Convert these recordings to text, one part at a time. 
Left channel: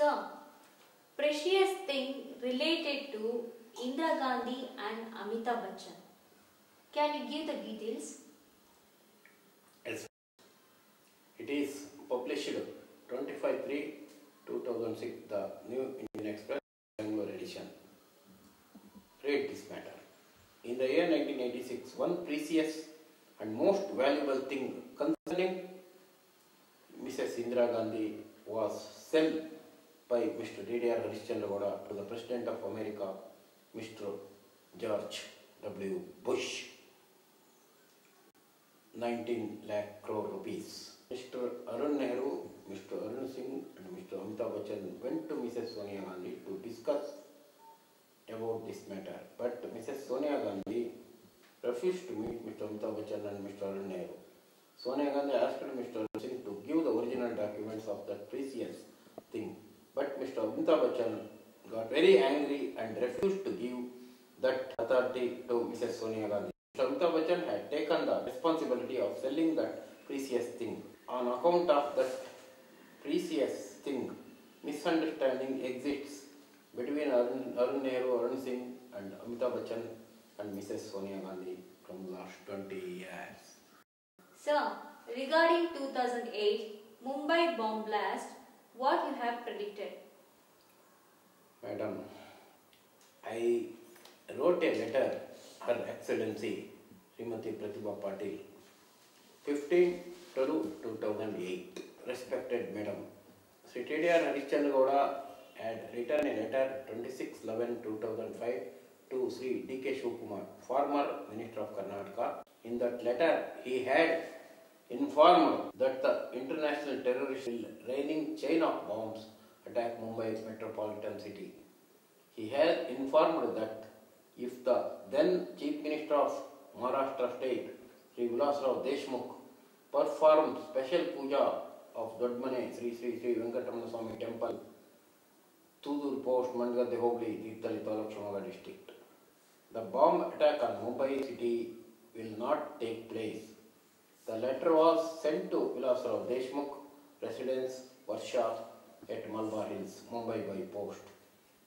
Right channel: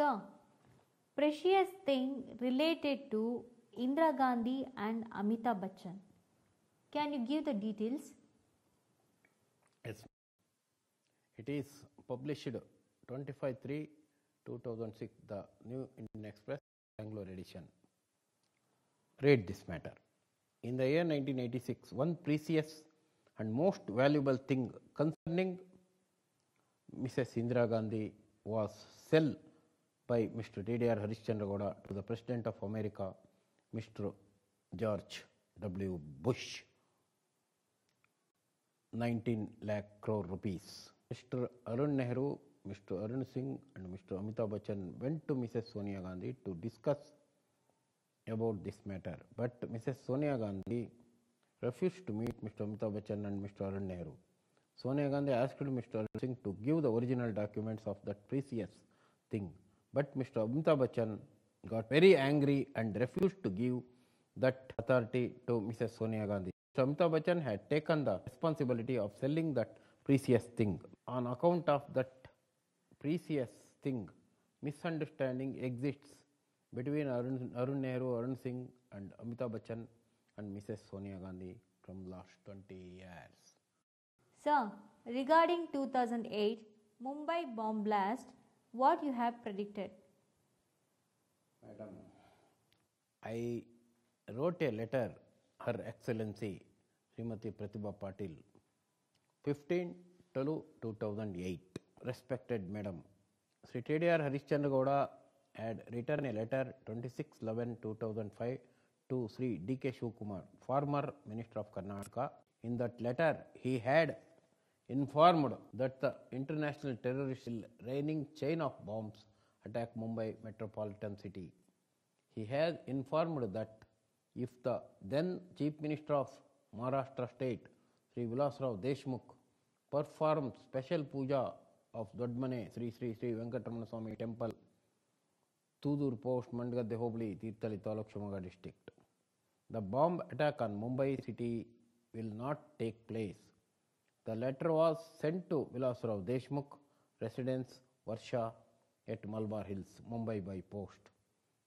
Sir, precious thing related to Indira Gandhi and Amitabh Bachchan. Can you give the details? Yes. It is published 25/3/2006, the New Indian Express, Bangalore edition. Read this matter. In the year 1986, one precious and most valuable thing concerning Mrs. Indira Gandhi was sold by Mr. D.D.R. Harishchandra Gowda to the President of America, Mr. George W. Bush. 19 lakh crore rupees. Mr. Arun Nehru, Mr. Arun Singh and Mr. Amitabh Bachchan went to Mrs. Sonia Gandhi to discuss about this matter, but Mrs. Sonia Gandhi refused to meet Mr. Amitabh Bachchan and Mr. Arun Nehru. Sonia Gandhi asked Mr. Arun Singh to give the original documents of that precious thing, but Mr. Amitabh Bachchan got very angry and refused to give that authority to Mrs. Sonia Gandhi. Mr. Amitabh Bachchan had taken the responsibility of selling that precious thing. On account of that precious thing, misunderstanding exists between Arun Nehru, Arun Singh and Amitabh Bachchan and Mrs. Sonia Gandhi from last 20 years. Sir, regarding 2008 Mumbai bomb blast, what you have predicted? Madam, I wrote a letter, Her Excellency Srimati Pratibha Patil, 15/2008. Respected Madam, Sri T.D.R. Harishchandra Gowda had written a letter 26/11/2005 to Sri D.K. Shivakumar, former Minister of Karnataka. In that letter, he had informed that the international terrorists will raining chain of bombs attack Mumbai metropolitan city. He has informed that if the then Chief Minister of Maharashtra State, Sri Vilasrao Deshmukh, performed special puja of Dodmane Sri Venkatramana Swami Temple, Tudur Post, Mandgadde Hogli, Tirthali Taluk, Shimoga district, the bomb attack on Mumbai city will not take place. The letter was sent to Vilasrao Deshmukh, residence Varsha at Malabar Hills, Mumbai by post.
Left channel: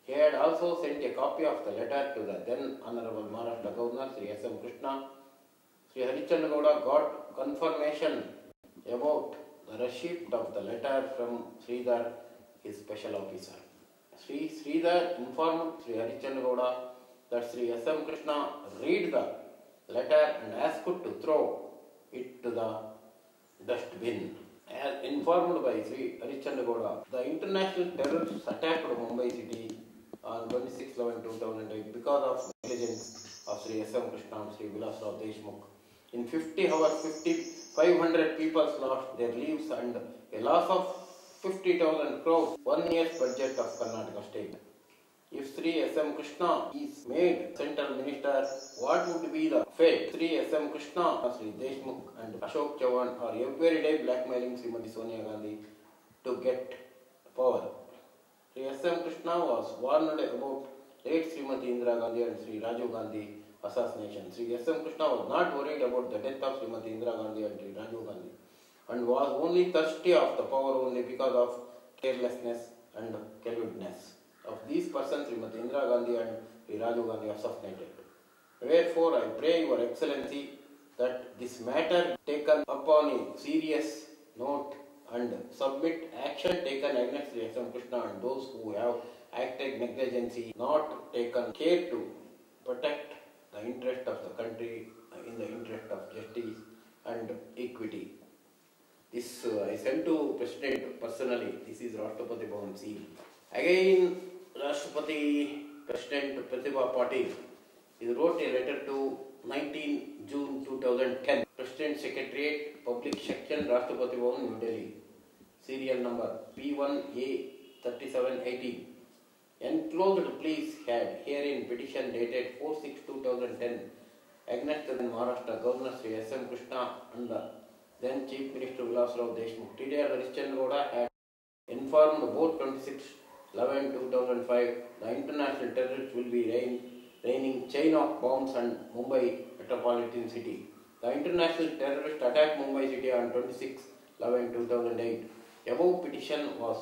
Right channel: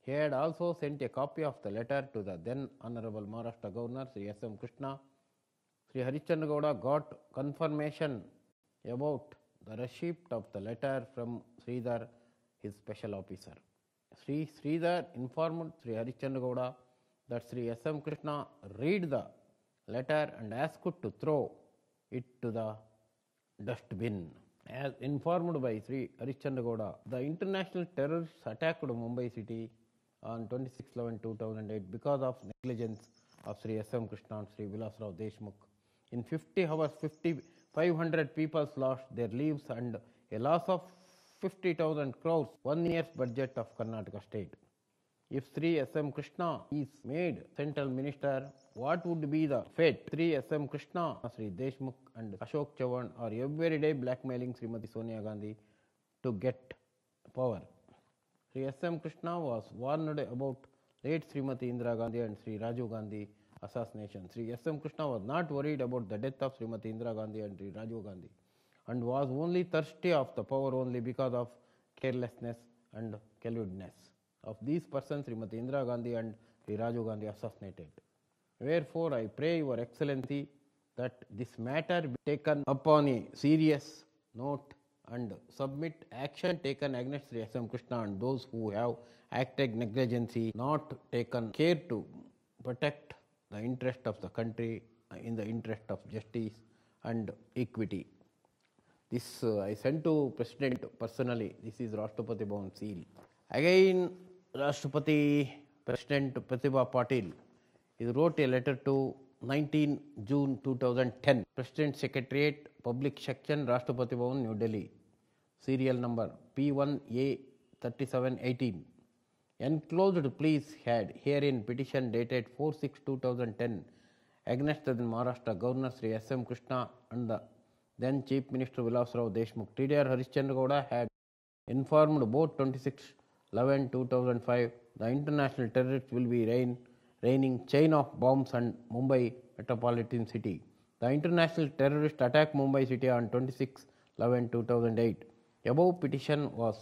He had also sent a copy of the letter to the then Honorable Maharashtra Governor Sri S.M. Krishna. Sri Harishchandra Gowda got confirmation about the receipt of the letter from Sridhar, his special officer. Sri Sridhar informed Sri Harishchandra Gowda that Sri S.M. Krishna read the letter and asked to throw it to the dustbin. As informed by Sri Harishchandra Gowda, the international terrorists attacked Mumbai city on 26/11/2008 because of negligence of Sri S.M. Krishna and Sri Vilasrao Deshmukh. In 50 hours, 500 people lost their lives and a loss of 50,000 crores, 1 year's budget of Karnataka state. If Sri S.M. Krishna is made central minister, what would be the fate? Sri S.M. Krishna, Sri Deshmukh and Ashok Chavan are every day blackmailing Srimati Sonia Gandhi to get power. Sri S.M. Krishna was warned about late Srimati Indira Gandhi and Sri Rajiv Gandhi assassination. Sri S.M. Krishna was not worried about the death of Srimati Indira Gandhi and Sri Rajiv Gandhi and was only thirsty of the power only because of carelessness and cowardness of these persons Srimati Indira Gandhi and Sri Rajiv Gandhi assassinated. Wherefore, I pray Your Excellency that this matter be taken upon a serious note and submit action taken against Sri S.M. Krishna and those who have acted negligently, not taken care to protect the interest of the country in the interest of justice and equity. This I sent to President personally. This is Rashtrapati Bhavan seal. Again, Rashtrapati President Pratibha Patil, he wrote a letter to 19 June 2010, President Secretariat, Public Section, Rashtrapati Bhavan, New Delhi, serial number P1A3718. Enclosed please had herein petition dated 4/6/2010 against the Maharashtra Governor Sri S.M. Krishna and the then Chief Minister Vilasrao Deshmukh. T.D.R. Harishchandra Gowda had informed about 26/11/2005 the international terrorists will be raining chain of bombs on Mumbai metropolitan city. The international terrorists attacked Mumbai city on 26/11/2008. Above petition was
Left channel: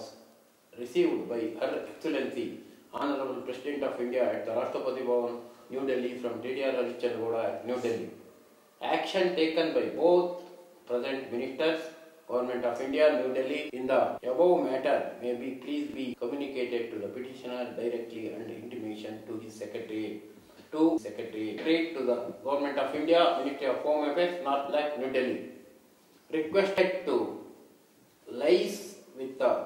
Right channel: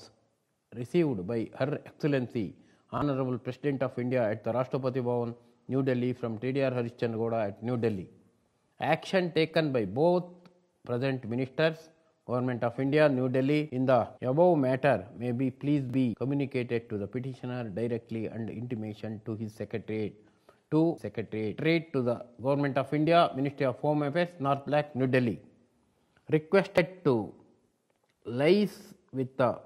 received by Her Excellency Honorable President of India at the Rashtrapati Bhavan, New Delhi from TDR Harishchandra Gowda at New Delhi. Action taken by both present ministers, Government of India, New Delhi, in the above matter may be please be communicated to the petitioner directly and intimation to his secretary. To the Government of India, Ministry of Home Affairs, North Lakh, New Delhi. Requested to liaise with the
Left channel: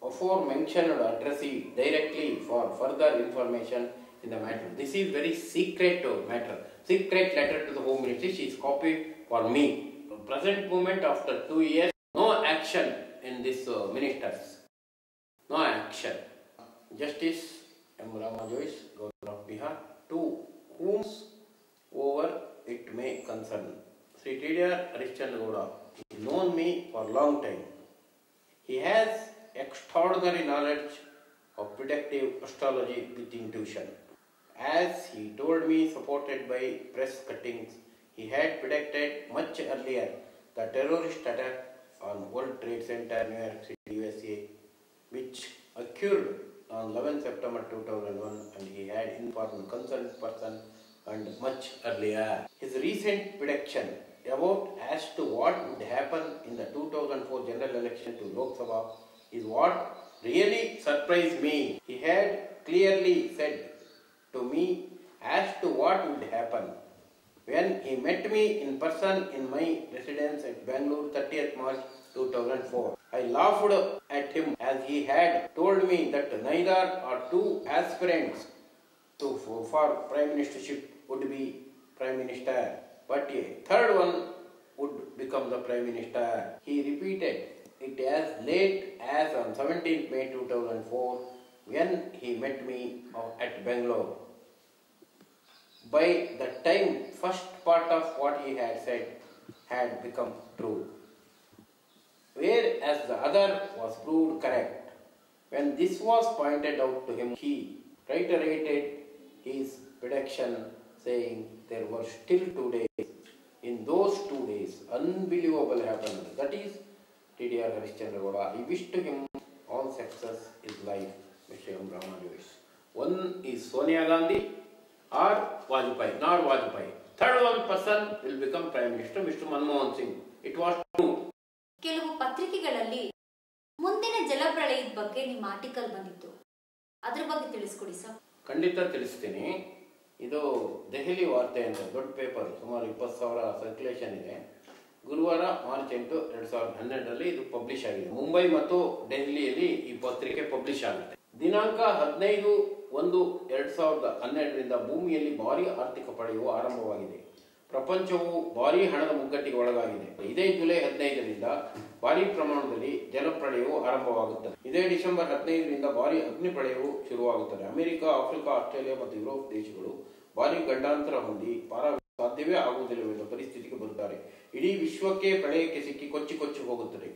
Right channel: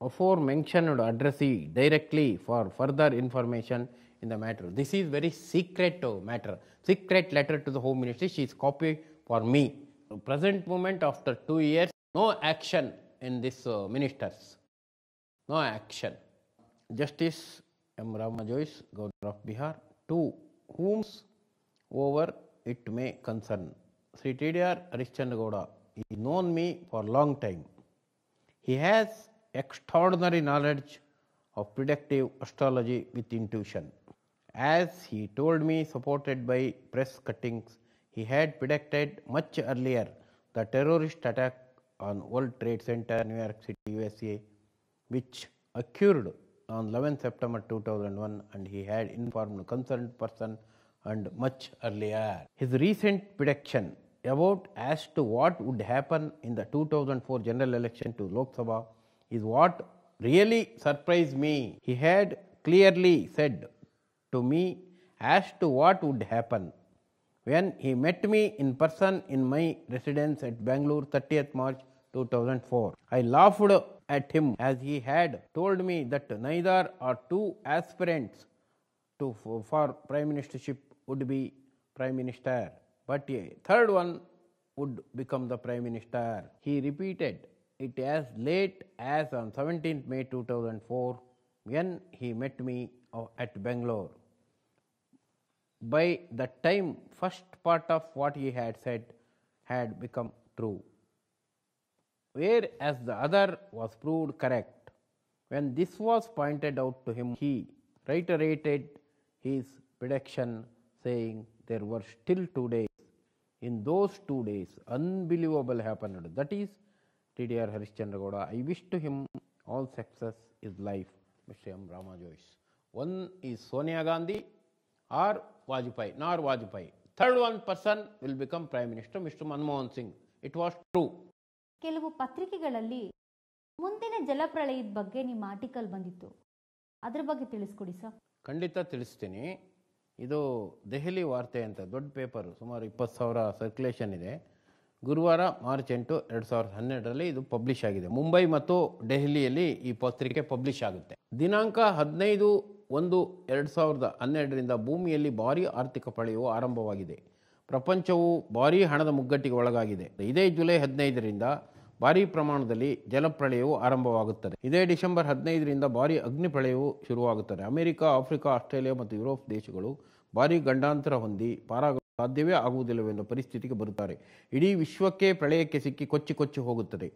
aforementioned addressee directly for further information in the matter. This is very secret matter. Secret letter to the Home Ministry. She is copied for me. Present moment after 2 years, no action in this ministers. No action. Justice M. Rama Jois, Governor of Bihar, to whomsoever it may concern. Sri TDR Harishchandra Gowda, he known me for a long time. He has extraordinary knowledge of predictive astrology with intuition. As he told me, supported by press cuttings, he had predicted much earlier the terrorist attack on World Trade Center, New York City, USA, which occurred on 11 September 2001, and he had informed concerned person and much earlier. His recent prediction about as to what would happen in the 2004 general election to Lok Sabha is what really surprised me. He had clearly said to me as to what would happen when he met me in person in my residence at Bangalore 30th March 2004. I laughed at him as he had told me that neither or two aspirants for prime ministership would be prime minister, but a third one would become the prime minister. He repeated it as late as on 17th May 2004 when he met me at Bangalore. By that time, first part of what he had said had become true, whereas the other was proved correct. When this was pointed out to him, he reiterated his prediction, saying there were still 2 days. In those 2 days, unbelievable happened. That is TDR Harishchandra Gowda. I wish to him all success in life, Mr. M. Rama Jois. One is Sonia Gandhi or Vajpayee, nor Vajpayee. Third one person will become Prime Minister, Mr. Manmohan Singh. It was true. ಕೆಲವು ಪತ್ರಿಕೆಗಳಲ್ಲಿ ಮುಂದಿನ ಜಲಪ್ರಳಯದ ಬಗ್ಗೆ ನಿಮ್ಮ article ಬಂದಿತ್ತು, ಅದರ ಬಗ್ಗೆ ತಿಳಿಸ್ಕೊಡಿ sir. ಖಂಡಿತ ತಿಳಿಸ್ತೀನಿ. ಇದು ದೆಹಲಿ ವಾರ್ತೆ ಅಂತ ದೊಡ್ಡ ಪೇಪರ್, ಸುಮಾರು 20,000 ಸರ್ಕ್ಯುಲೇಷನ್ ಇದೆ. ಗುರುವಾರ ಮಾರ್ಚ್ 8, 2012 ಇದು ಪಬ್ಲಿಷ್ ಆಗಿದೆ. ಮುಂಬೈ ಮತ್ತು ದೆಹಲಿಯಲ್ಲಿ ಈ ಪತ್ರಿಕೆ ಪಬ್ಲಿಷ್ ಆಗುತ್ತೆ. ದಿನಾಂಕ 15/1/2012 ಭೂಮಿಯಲ್ಲಿ ಭಾರೀ ಆರ್ಥಿಕ ಪ್ರಳಯವು ಆರಂಭವಾಗಿದೆ. ಪ್ರಪಂಚವು ಭಾರೀ ಹಣದ ಮುಗ್ಗಟ್ಟಿಗೆ ಒಳಗಾಗಿದೆ. ಇದೇ ಜುಲೈ 15ರಿಂದ ಭಾರೀ ಪ್ರಮಾಣದಲ್ಲಿ ಜಲಪ್ರಳಯವು ಆರಂಭವಾಗುತ್ತದೆ. ಇದೇ ಡಿಸೆಂಬರ್ 15ರಿಂದ ಭಾರೀ ಅಗ್ನಿ ಪ್ರಳಯವು ಶುರುವಾಗುತ್ತದೆ. ಅಮೆರಿಕ, ಆಫ್ರಿಕಾ, ಆಸ್ಟ್ರೇಲಿಯಾ ಮತ್ತು ಯುರೋಪ್ ದೇಶಗಳು ಭಾರೀ ಗಂಡಾಂತರ ಹೊಂದಿ ಪಾರಾಗಲು ಸಾಧ್ಯವೇ ಆಗುವುದಿಲ್ಲವೆಂದು ಪರಿಸ್ಥಿತಿಗೆ ಬರುತ್ತಾರೆ. ಇಡೀ ವಿಶ್ವಕ್ಕೆ ಪ್ರಳಯಕ್ಕೆ ಸಿಕ್ಕಿ ಕೊಚ್ಚಿ ಹೋಗುತ್ತದೆ.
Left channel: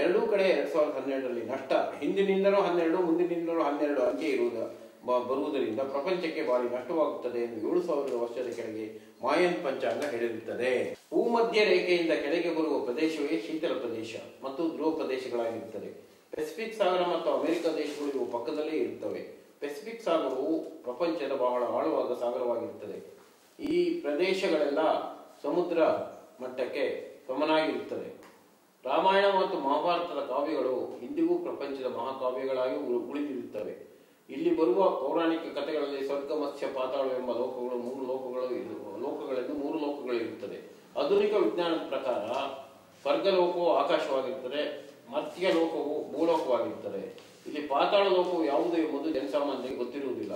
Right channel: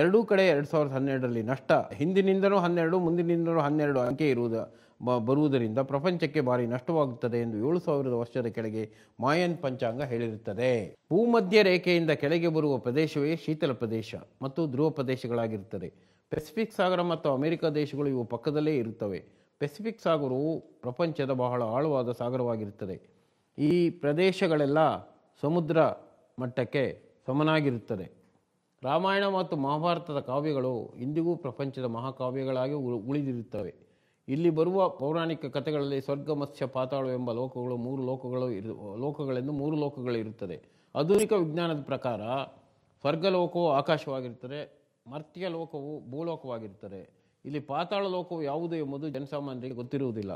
ಎರಡೂ ಕಡೆ 2012ರಲ್ಲಿ ನಷ್ಟ ಹಿಂದಿನಿಂದಲೂ 12, ಮುಂದಿನಿಂದಲೂ 12 ಅಂಕೆ ಬರುವುದರಿಂದ ಪ್ರಪಂಚಕ್ಕೆ ಭಾರಿ ನಷ್ಟವಾಗುತ್ತದೆ ಎಂದು 7,000 ವರ್ಷದ ಕೆಳಗೆ ಮಾಯನ್ ಪಂಚಾಂಗ ಹೇಳಿರುತ್ತದೆ. ಭೂಮಧ್ಯ ರೇಖೆಯಿಂದ ಕೆಳಗೆ ಬರುವ ಪ್ರದೇಶವೇ ಶೀತಲ ಪ್ರದೇಶ ಮತ್ತು ಧ್ರುವ ಪ್ರದೇಶಗಳಾಗಿರುತ್ತದೆ. ಪೆಸಿಫಿಕ್ ಸಾಗರ ಮತ್ತು ಅಮೆರಿಕ ದೇಶಗಳು ಇವು ಪಕ್ಕದಲ್ಲೇ ಇರುತ್ತವೆ. ಪೆಸಿಫಿಕ್ ಸಾಗರವು ಪ್ರಪಂಚದ ಬಹಳ ಆಳವಾದ ಸಾಗರವಾಗಿರುತ್ತದೆ. ಈ ಪ್ರದೇಶಗಳೆಲ್ಲ ಸಮುದ್ರ ಮಟ್ಟಕ್ಕೆ ಸಮನಾಗಿರುತ್ತದೆ. ರಾಮಾಯಣ ಮತ್ತು ಮಹಾಭಾರತದ ಕಾವ್ಯಗಳು ಇಂದಿಗೂ ಪ್ರಪಂಚದ ಮಹಾಕಾವ್ಯಗಳಾಗಿ ಉಳಿದಿರುತ್ತವೆ. ಇಲ್ಲಿ ಬರುವ ಪೌರಾಣಿಕ ಕಥೆಗಳಲ್ಲಿ ಸ್ವರ್ಗ, ಮತ್ಸ್ಯ, ಪಾತಾಳ ಎಂಬ ಲೋಕಗಳೆಂದು 3 ಲೋಕಗಳು ಇರುತ್ತದೆ. ಆಧುನಿಕ ವಿಜ್ಞಾನದ ಪ್ರಕಾರ ಸ್ವರ್ಗಲೋಕವು ಆಕಾಶವಾಗಿರುತ್ತದೆ, ಮರ್ತ್ಯ ಲೋಕವು ಭೂಲೋಕವಾಗಿರುತ್ತದೆ. ಇಲ್ಲಿ ಪಾತಾಳ ಲೋಕವು ಯಾವುದು ಎಂಬುದು ಜನಸಾಮಾನ್ಯರಿಗೆ ಗೊತ್ತಿರುವುದಿಲ್ಲ.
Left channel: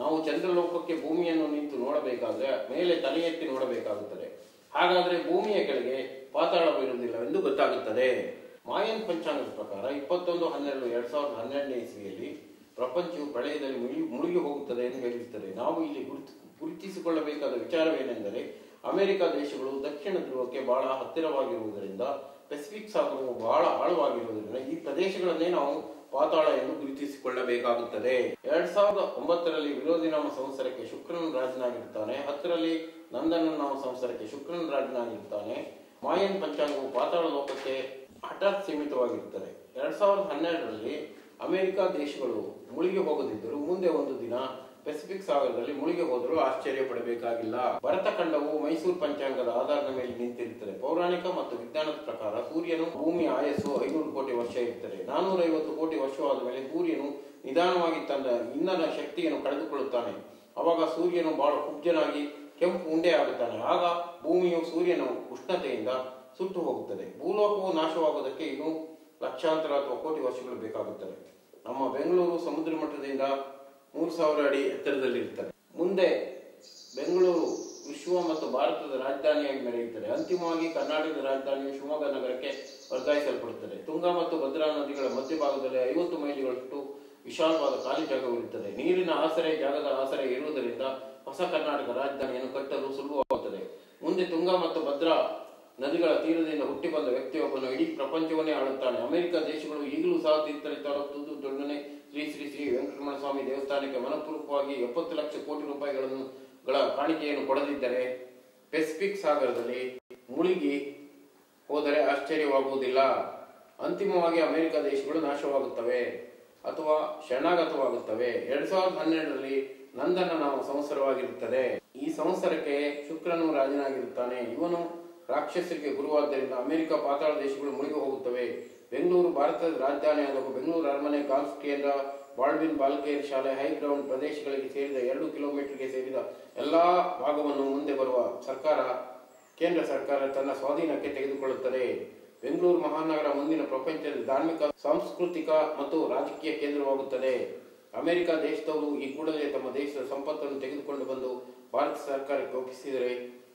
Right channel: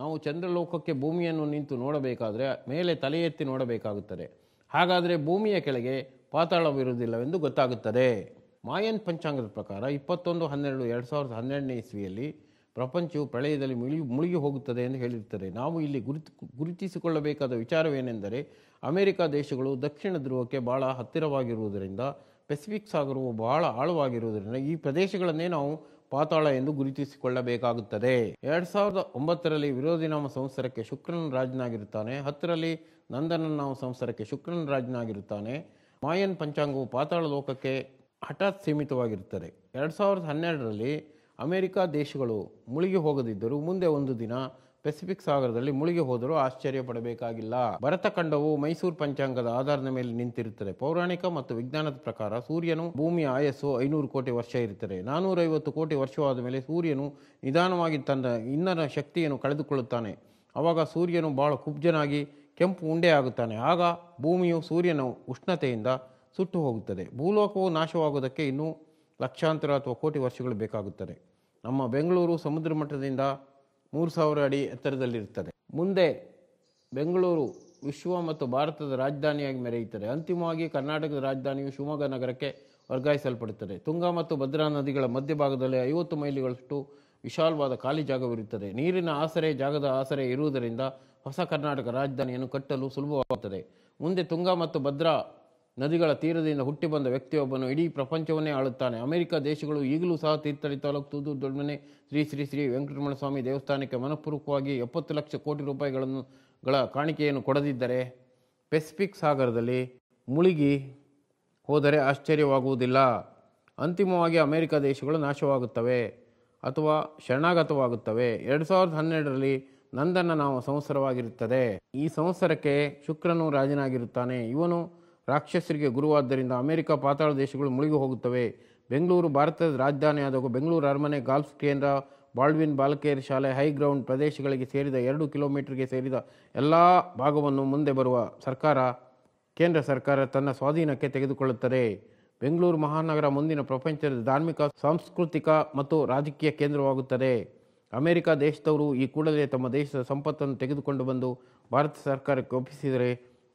ನಾವು ಚಂದ್ರಲೋಕಕ್ಕೆ ಭೂಮಿಯನ್ನು ನಿಂತು ನೋಡಬೇಕಾದ್ರೆ ಮೇಲೆ ತಲೆ ಎತ್ತಿ ನೋಡಬೇಕಾಗುತ್ತದೆ. ಹಾಗಾದರೆ ಭೂಮಿಯ ಕೆಳಗೆ ಪಾತಾಳವಿರುವುದಿಲ್ಲವೆಂದು ಗೊತ್ತಾಗುತ್ತದೆ. ಮಾಯನ್ ಪಂಚಾಂಗದ ಪ್ರಕಾರ 21/12/2012 ಇಸ್ವಿಯಲ್ಲಿ ಪ್ರಪಂಚವು ಪ್ರಳಯದಲ್ಲಿ ಮುಳುಗಿ ಹೋಗುತ್ತದೆ ಎಂದು ಹೇಳಿರುತ್ತದೆ. ನಾವು ಇಲ್ಲಿ ಗುರುತಿಸಿಕೊಳ್ಳಬೇಕಾದ ವಿಚಾರವೇನೆಂದರೆ, ಅಮೆರಿಕ ದೇಶಗಳು ದಕ್ಷಿಣ ಧ್ರುವಕ್ಕೆ ಬಹಳ ಹತ್ತಿರವಾಗಿರುವುದರಿಂದ, ಪೆಸಿಫಿಕ್ ಸಾಗರವು ಬಹಳ ಆಳವಾಗಿರುವುದರಿಂದ ಈ ಪ್ರದೇಶಗಳನ್ನೇ ನಾವು ಪಾತಾಳ ಎಂದು ಗುರುತಿಸಿಕೊಳ್ಳಬೇಕಾಗುತ್ತದೆ. 2009ರಲ್ಲಿ ವಿರೋಧಿ ನಾಮ ಸಂವತ್ಸರಕ್ಕೆ ಶುಕ್ರನ ರಾಜನಾಗಿರುತ್ತಾನೆ. 10ರಲ್ಲಿ ನಂದನ ನಾಮ ಸಂವತ್ಸರಕ್ಕೆ ಶುಕ್ರನ ರಾಜನಾಗಿರುತ್ತಾನೆ. ಮಾಯನ್ ಪಂಚಾಂಗವು ಪಾತಾಳ ಲೋಕಕ್ಕೆ ಹಠಾತ್ ಸೀಮಿತವಾಗಿರುತ್ತದೆ. 2012ರಲ್ಲಿ ಅಮೆರಿಕ ದೇಶಗಳು ಮುಳುಗಿ ಹೋಗದಿದ್ದರೂ ಮುಂದೆ ಒಂದು ದಿನ ಪೆಸಿಫಿಕ್ ಸಾಗರದಲ್ಲಿ ಮುಳುಗಿ ಹೋದರೂ ಆಶ್ಚರ್ಯ ಪಡಬೇಕಾಗಿಲ್ಲ. ಭರತಖಂಡವು ಮೈಸೂರು ಪಂಚಾಂಗದ ಆಧಾರದ ಮೇಲೆ ನಿಂತಿರುತ್ತದೆ. ಪೌರಾಣಿಕ ಮತ್ತು ವಿಜ್ಞಾನದ ಪ್ರಕಾರ ಸೂರ್ಯನು ಭೂಮಿಯ ಆಯಸ್ಸು 500 ಕೋಟಿ ವರ್ಷ ಇರುತ್ತದೆ. 450 ಕೋಟಿ ವರ್ಷವಾದ ಮೇಲೆ ಸೂರ್ಯನು ನಿಧಾನವಾಗಿ ತನ್ನ ಇಂಧನ ಶಕ್ತಿಯನ್ನು ಕಳೆದುಕೊಳ್ಳುತ್ತಾನೆ. ಆವಾಗ ಸೂರ್ಯನು ಬಹಳ ಕುಬ್ಜನಾಗಿ ಕೆಂಪು ಉಂಡೆ ಆಗುತ್ತಾನೆ. ಆಗ ಭೂಮಿಯು ಸೂರ್ಯನ ಉಷ್ಣತೆಯಿಂದ ಸುಟ್ಟು ಹೋಗುತ್ತದೆ. ಭೂಲೋಕವು ನಾಶವಾಗುವುದಕ್ಕೆ ಇನ್ನೂ ಲಕ್ಷಾಂತರ ಅಥವಾ ಕೋಟಿ ವರ್ಷಗಳು ಬೇಕಾಗುತ್ತದೆ. ನಮ್ಮ ಬೆಂಗಳೂರು ಸಮುದ್ರ ಮಟ್ಟದಿಂದ 3000 ಅಡಿ ಎತ್ತರದಲ್ಲಿರುತ್ತದೆ. ಮುಂದೆ ಬೆಂಗಳೂರು ವಿಶ್ವ ಮತ್ತು ಭಾರತದ ರಾಜಧಾನಿಯಾಗಿ ಮೆರೆಯುತ್ತದೆ. ಅಂತಿಮವಾಗಿ ಕರ್ನಾಟಕದ ರಾಜಧಾನಿಯು ಶಿವಮೊಗ್ಗ ನಗರಕ್ಕೆ ವರ್ಗಾಯಿಸಲ್ಪಡುತ್ತದೆ. ತುಂಗಾ ಮತ್ತು ಭದ್ರಾ ನದಿಗಳ ಮಧ್ಯಭಾಗದಲ್ಲಿ 50 ಮೈಲಿಗಳಷ್ಟು ವಿಶಾಲವಾದ ಖಾಲಿ ಜಾಗವಿರುತ್ತದೆ. ನೀರಿನ ಆಸರೆ ಜಾಗದ ಆಸರೆ ಇರುವುದರಿಂದ ಹೊಸ ಕರ್ನಾಟಕ ರಾಜಧಾನಿಯನ್ನು ಕಟ್ಟಲು ಸುಲಭವಾಗುತ್ತದೆ. ಮುಂದೆ ತುಂಗಾ ಮತ್ತು ಭದ್ರಾ ನದಿಗಳ ತೀರದಿಂದ ಹುಟ್ಟಿ ಬಂದ ವ್ಯಕ್ತಿಯೊಬ್ಬನು ಇಡೀ ಪ್ರಪಂಚವನ್ನೇ ಆಳುತ್ತಾನೆ. ಅಮೆರಿಕ ದೇಶಗಳು ಈಗಲೂ ಸಹ ತೀರ್ಥಹಳ್ಳಿ ತಾಲೂಕು ತೂದೂರು ದೊಣ್ಣನೆ ಶ್ರೀ ಶ್ರೀ ಶ್ರೀ ವೆಂಕಟರಮಣ ಸ್ವಾಮಿ ದೇವಸ್ಥಾನಕ್ಕೆ ಮನಪೂರ್ವಕವಾಗಿ 70 ಲಕ್ಷ ಕೋಟಿ ರೂಪಾಯಿಗಳ ಕಾಣಿಕೆಯನ್ನು ಕೊಡದಿದ್ದರೆ ಪೆಸಿಫಿಕ್ ಸಾಗರದಲ್ಲಿ ಮುಳುಗಿ ಹೋದರೆ ಆಶ್ಚರ್ಯವಾಗುವುದಿಲ್ಲ. ಅಂತಿಮವಾಗಿ ಅಮೆರಿಕ ದೇಶಗಳು ನಾಶವಾಗುತ್ತವೆ ಅಥವಾ ಶರಣಾಗತವಾಗುತ್ತವೆ. 2012ರಲ್ಲಿ ನಂದನ ನಾಮ ಸಂವತ್ಸರವಾಗಿರುತ್ತದೆ. ಈ ಸಂವತ್ಸರಕ್ಕೆ ಶುಕ್ರನು ರಾಜನಾಗಿರುತ್ತಾನೆ. ಇವನು ರಾಕ್ಷಸರಿಗೆ ಗುರುವಾದ್ದರಿಂದ ಅಮೆರಿಕ ಪಾತಾಳ ದೇಶಗಳು ಮುಳುಗಿ ಹೋಗುತ್ತವೆ. ಬೆಂಗಳೂರು ಭಾರತದ ರಾಜಧಾನಿ ಆದಾಗ ಬೆಂಗಳೂರು ಅರಮನೆ, ಗಾಲ್ಫ್ ಕೇಂದ್ರ, ಬಾಲ್ಡ್ವಿನ್ ಬಾಲಕಿಯರ ಶಾಲೆ, ಹೈಗ್ರೌಂಡ್ ಪ್ರದೇಶಗಳಿಗೆ ಸೇರಿದ 2 ಕಿಲೋಮೀಟರ್ಗೆ ಸೇರಿದ ಎಲ್ಲ ಭಾಗವನ್ನು ಮುಂದೆ ಬರುವ ಕೇಂದ್ರ ಸರ್ಕಾರ ತನ್ನ ಸ್ವಾಧೀನಕ್ಕೆ ತೆಗೆದುಕೊಳ್ಳುತ್ತದೆ. ಬೆಂಗಳೂರು ಮಹಾನಗರ ಮುಂದಿನ ಪ್ರಪಂಚದ ಧಾರ್ಮಿಕ, ಸಾಂಸ್ಕೃತಿಕ ಮತ್ತು ರಾಜಕೀಯ ಕೇಂದ್ರವಾಗುತ್ತದೆ. ಅಮೆರಿಕ ದೇಶದವರು ಈ ಕೂಡಲೇ ತಮ್ಮ ದೇಶದ ಸಂಪತ್ತನ್ನು ತೆಗೆದುಕೊಂಡು ಬಂದು ಭಾರತ ಸರ್ಕಾರಕ್ಕೆ ಒಪ್ಪಿಸಿದರೆ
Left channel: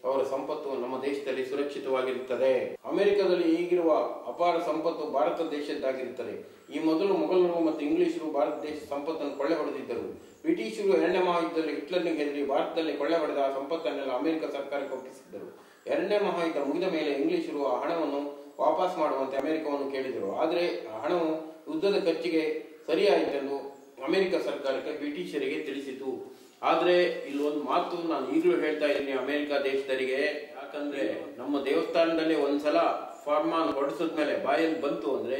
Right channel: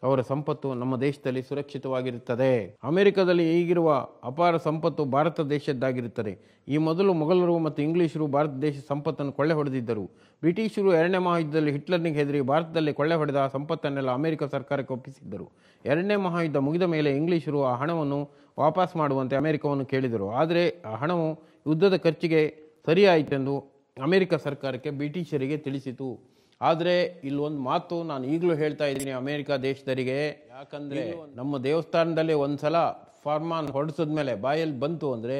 ಅವರ ಸಂಪತ್ತು ನಮ್ಮ ದೇಶದಲ್ಲಿ ಸುರಕ್ಷಿತವಾಗಿರುತ್ತದೆ. ಅಮೆರಿಕದಲ್ಲಿ ಈಗಿರುವ ಅಪಾರ ಸಂಪತ್ತು ಭಾರತ ದೇಶದ್ದಾಗಿರುತ್ತದೆ. ಈ ಮೊದಲು ಮೊಘಲರು ಮತ್ತು ಇಂಗ್ಲಿಷರು ಭಾರತ ದೇಶದ ಸಂಪತ್ತನ್ನು ಕೊಳ್ಳೆ ಹೊಡೆದಿದ್ದರು. ಬ್ರಿಟಿಷರು 2ನೇ ಮಹಾಯುದ್ಧದಲ್ಲಿ ಹಿಟ್ಲರ್ನಿಗೆ ಹೆದರಿ ಭಾರತದಲ್ಲಿ ಕೊಳ್ಳೆ ಹೊಡೆದ ಸಂಪತ್ತನ್ನೆಲ್ಲ ಅಮೆರಿಕ ಸರ್ಕಾರಕ್ಕೆ ಒಪ್ಪಿಸಿದ್ದರು. 2ನೇ ಮಹಾಯುದ್ಧ ಮುಗಿದ ಮೇಲೆ ಇಂಗ್ಲಿಷರು ಆ ಹಣವನ್ನು ವಾಪಸ್ ಮಾಡುವಂತೆ ಅಮೆರಿಕವನ್ನು ಕೇಳಿದರು. ಆದರೆ ಆ ಹಣವು ಯುದ್ಧದ ಖರ್ಚಿಗೆ ಸರಿಯಾಯಿತೆಂದು ಅಮೆರಿಕ ಸರ್ಕಾರಕ್ಕೆ ಬ್ರಿಟಿಷರಿಗೆ ತಿಳಿಸಿತು. ಆದರೆ ಇಲ್ಲೊಂದು ಮಾತು ನಾನು ಈಗಲೂ ಹೇಳ್ತಾ ಇದ್ದೀನಿ ಅಮೆರಿಕ ದೇಶದರಿಗೆ, ಯಾಕಂದ್ರೆ ನಮ್ಮ ದೇವಸ್ಥಾನದಲ್ಲಿ ಒಂದ್ಸಲ ಫಾರ್ಮಾನ್ ಹೊಡಿಸಿದ ಮೇಲೆ ಬಾಯಲ್ಲಿ ಬಂತು ಅಂದ್ರೆ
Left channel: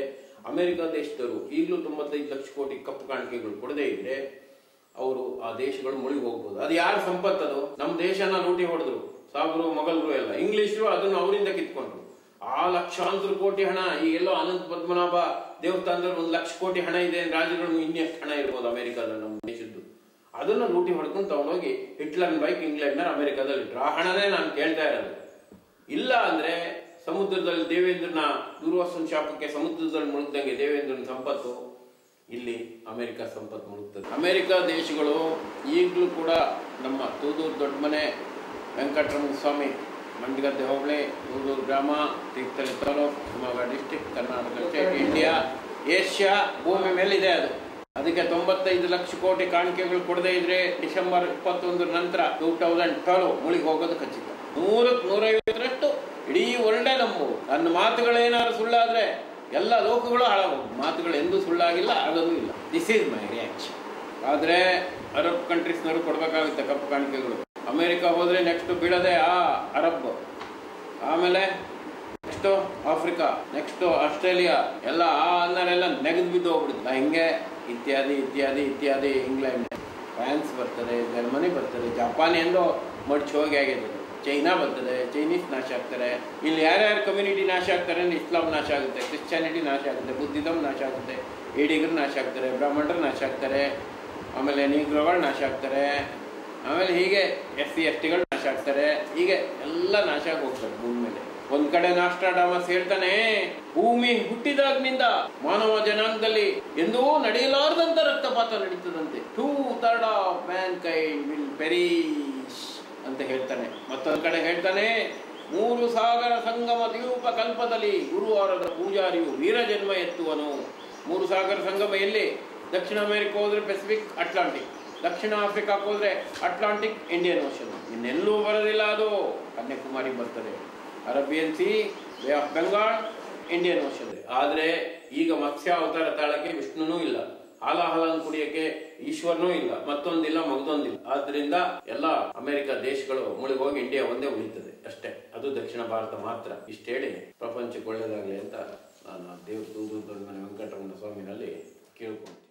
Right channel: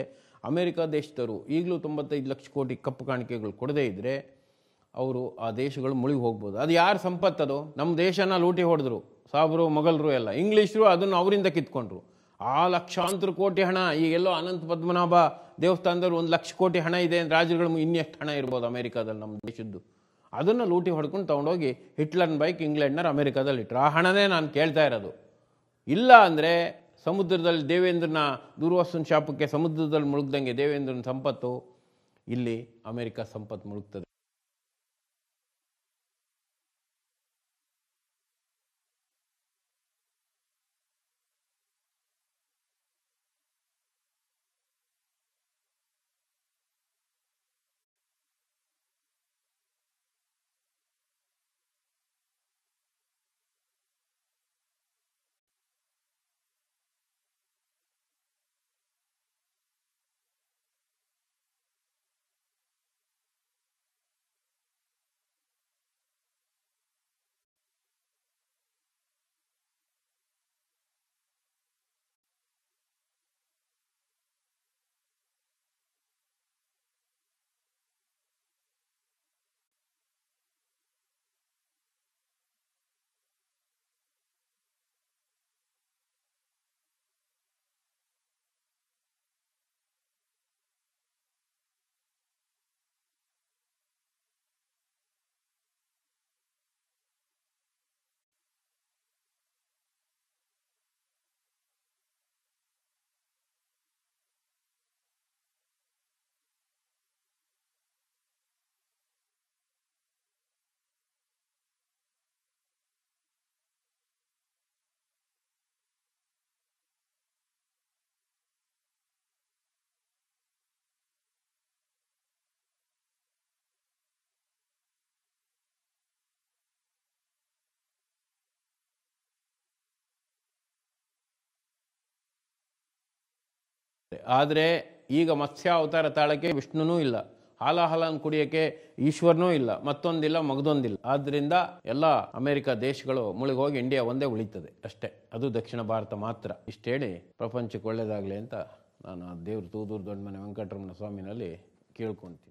ಅಮೆರಿಕ ದೇಶದವರು ಈಗಲೂ 95 ಲಕ್ಷ ಕೋಟಿ ಕಪ್ಪು ಕಾಣಿಕೆಗಳು ಕೊಡದೇ ಇದ್ರೆ ಅವರು ಆ ದೇಶಗಳು ಮುಳುಗಿ ಹೋಗ್ಬೋದು. ಅದು ಯಾರ ಸಂಪತ್ತದು? ನಮ್ಮ ದೇಶನ ಲೂಟಿ ಹೊಡೆದ್ರು ಸಾಬ್ರು, ಮೊಘಲರು ಎಲ್ಲ. ಇಂಗ್ಲಿಷರು ಅದನ್ನು ಅವರಿಂದ ಕಿತ್ಕೊಂಡ್ರು. ಆ ಲಕ್ಷಾಂತರ ಕೋಟಿ ಹಣ ಈಗೆಲ್ಲೋ ಅನಂತ ಪದ್ಮನಾಭ ದೇವಸ್ಥಾನದಲ್ಲಿ 1 ಲಕ್ಷ ಕೋಟಿ ಹಣ ಇದೆ. ರಾಜ್ಯಗಳು ಇನ್ನೆಷ್ಟು ಹಣ ಇರ್ಬೋದು ಅಮೆರಿಕದಲ್ಲಿ ನಮ್ಮ ದೇಶದ್ದು? ಅದನ್ನು ಲೂಟಿ ಹೊಡ್ಕೊಂಡು ತಗೊಂಡೋಗಿ ಹಿಟ್ಲರ್ನ ಬೈಕ್ ಇಂಗ್ಲೆಂಡ್ನ ಅಮೆರಿಕದಲ್ಲಿ ಇಟ್ಟರು. ಆ ಹಣನೇ ನಾನು ಕೇಳ್ತಾ ಇರೋದು. ಇಲ್ಲ ಅಂದ್ರೆ ಸಮುದ್ರದಲ್ಲಿ ದೇವೇಂದ್ರನ ದೂರ್ವಾಸನ ಶಾಪಕ್ಕೆ ಸಮುದ್ರದಲ್ಲಿ ಮುಳುಗ್ದಂಗೆ ದೇವೇಂದ್ರನ ಸಂಪತ್ತು ಇಲ್ಲಿ ಅಮೆರಿಕ ಸಂಪತ್ತು ಮುಳುಗ್ತದೆ. ಅಮೆರಿಕ ದೇಶಗಳು ಈಗಲೂ ಕೂಡ ನಮ್ಮ ತೂದೂರು ದೊಡ್ಡಮನೆ, ವೆಂಕಟರಮಣ ಸ್ವಾಮಿ, ಮಂಡಗದ್ದೆ ಹೋಬಳಿ, ತೂದೂರು ಗ್ರಾಮ, Thirthahalli taluk, Shivamogga district, Karnataka state, India, Asia ಭೂಮಿ ಮೇಲಿದೆ. ಅದಕ್ಕೆ 95 ಲಕ್ಷ ಕೋಟಿ ಕಾಣಿಕೆಗಳು ಕೊಡದೇ ಇದ್ರೆ ಡಿಸೆಂಬರ್ 21 ನಂತರ 2012 ಮುಳುಗಿ ಹೋಗೋದು ಖಚಿತ. 150ರಷ್ಟು ಇಡೀ ವರ್ಲ್ಡೇ ನಂಬು. ನನ್ನ ಮಾತುಗಳೇನಾದ್ರು ಸುಳ್ಳಾದ್ರೆ ಎಲ್ಲ ಲೋಕಗಳು ಹಾಳಾಗೋದು. ಮಾತುಗಳು ಎಂದೂ ಸುಳ್ಳಾಗಿಲ್ಲ, ಆಗೋದು ಇಲ್ಲ. This is my reaction. ಆದರೆ ಅರಬ್ ಕಂಟ್ರೀಸ್ನವರು ಕೊಡಬೇಕಾಗುತ್ತೆ ಕಪ್ಪು ಕಾಣಿಕೆಗಳು. ಅಮೆರಿಕ ಹೋದ್ರೆ ನೆಕ್ಸ್ಟ್ ಬೀಳದೆ ಅರಬ್, ಆಮೇಲೆ ನೆಕ್ಸ್ಟು ಆಫ್ರಿಕಾ, ನೆಕ್ಸ್ಟು ಆಸ್ಟ್ರೇಲಿಯಾ, ಎಲ್ಲ ಅನ್ನರೆಲ್ಲ ನೆಗೆದು ಬಿದ್ದು ಹೋಗ್ಬಿಡುತ್ತೆ. ಹಿಂಗೆ ಇತ್ಯಾದಿ ಇತ್ಯಾದಿ ಇತ್ಯಾದಿ. ಇಂಗ್ಲೆಂಡ್, ಫ್ರಾನ್ಸ್ ಬರ್ತದೆ, ಜರ್ಮನಿ ಬರ್ತದೆ, ಜಪಾನ್ ಎಂದು ಮಡ್ಚಿ ಹೋಗಿ ಆಗಿದೆ. ಚೈನಾ ಬರ್ತದೆ, ಚೈನೀಸ್ ನಾಶ ಆಗ್ತಾರೆ. ಇಲ್ಲಿ ಯಾರ್ಯಾರು ಕಮ್ಯುನಿಟಿ ನಾಶ ಆಗ್ತಾರೆ ಅಂದರೆ ಇಸ್ಲಾಂ ನಾಶ ಆಗುತ್ತೆ, ಕ್ರಿಶ್ಚಿಯಾನಿಟಿ ನಾಶ ಆಗುತ್ತೆ, ಬುದ್ಧಿಸಮ್ ನಾಶ ಆಗುತ್ತೆ, ಏಡಿಗರು ನಾಶ ಆಗ್ತಾರೆ, ಬ್ರಾಹ್ಮಣರು ನಾಶ ಆಗ್ತಾರೆ, ಆಮೇಲೆ ನೀಗ್ರೋಗಳು ನಾಶ ಆಗ್ತಾರೆ, ಆಮೇಲೆ ಹೀಗೆ SC STಗಳು ನಾಶ ಆಗ್ತಾರೆ. ಹೀಗೆ ಎಲ್ಲ ನಾಶ ಆಗಿ ಹೋಗ್ತಾರೆ ಭೂಮಿ ಮೇಲೆ. ಒಂದ್ ಕಡೆ ನಾಸ್ಟ್ರಾಡಾಮಸ್ ಹೇಳ್ತಾನೆ, ಭೂಮಿ ಹುಟ್ಟಿದಾಗ್ನಿಂದ ಮಾನವ ಜನಾಂಗದಲ್ಲಿ ಎಂದೂ ನಡೆಯಲಾರದಂತ ರಕ್ತಪಾತ ನಡೀತದಂತೆ. 2/3 ಆಫ್ ಮ್ಯಾನ್ಕೈಂಡ್ ವಿಲ್ ಪೆರಿಶ್ ಅಂತ ಹೇಳ್ತಾನೆ. ಮತ್ತೊಂದ್ ಕಡೆ ಹೇಳ್ತಾನೆ, 3 ಸಾಗರ ಸಂಗಮ ದ್ವೀಪ ಕಲ್ಪದಲ್ಲಿ ಗುರುವಾರದ ಪೂಜಾರಿಯು ವೀರಜನ್ಮ ಎತ್ತುವನು. 3 ಸಾಗರ ಸಂಗಮ ಎಲ್ಲಿ? ದಕ್ಷಿಣ ಅಮೆರಿಕ ಹೋದ್ರೆ ಪೆಸಿಫಿಕ್, ಅಟ್ಲಾಂಟಿಕ್. ದಕ್ಷಿಣ ಆಫ್ರಿಕಾಕ್ಕೆ ಹೋದ್ರೆ ಅಟ್ಲಾಂಟಿಕ್, ಇಂಡಿಯನ್ ಓಷನ್. ಇನ್ನೆಲ್ಲೂ ಬರೋದಿಲ್ಲ ಅದು. ಕನ್ಯಾಕುಮಾರಿ ಬರ್ತದೆ, Arabian C, bay of Bengal, Indian ocean. ಆದ್ರೆ ಈಗ ಮತ್ಸ್ಯ ಅವತಾರ ತಾಳಕ್ಕೆ ವಿಷ್ಣುನೂ ಇಲ್ಲ, ಹಾಲನ್ನು ಕುಡಿಯಕ್ಕೆ ಈಶ್ವರನೂ ಇಲ್ಲ, ಮತ್ತೊಂದಿಲ್ಲ, ಮಗದೊಂದಿಲ್ಲ. ಆದ್ರಿಂದ ಎಲ್ಲ ಅಮೆರಿಕ ದೇಶಗಳು ಮುಳುಗಿ ಹೋಗಿ ಇಂಡಿಯಾ ಒಂದೇ ಉಳಿತದೆ ಅಷ್ಟೇ. ಅದು ದಕ್ಷಿಣ ಭಾರತ ಮಾತ್ರ. ಇಷ್ಟೇಳಿ ಪ್ರಪಂಚಕ್ಕೆ ಒಳ್ಳೇದಾಗ್ಲಿ ಅಂತ ನಾನು ದೇವ್ರ ತೂದೂರು ದೊಡ್ಡಮನೆ ವೆಂಕಟರಮಣ ಸ್ವಾಮಿನಲ್ಲಿ ಕೇಳ್ಕೊಳ್ತೀನಿ.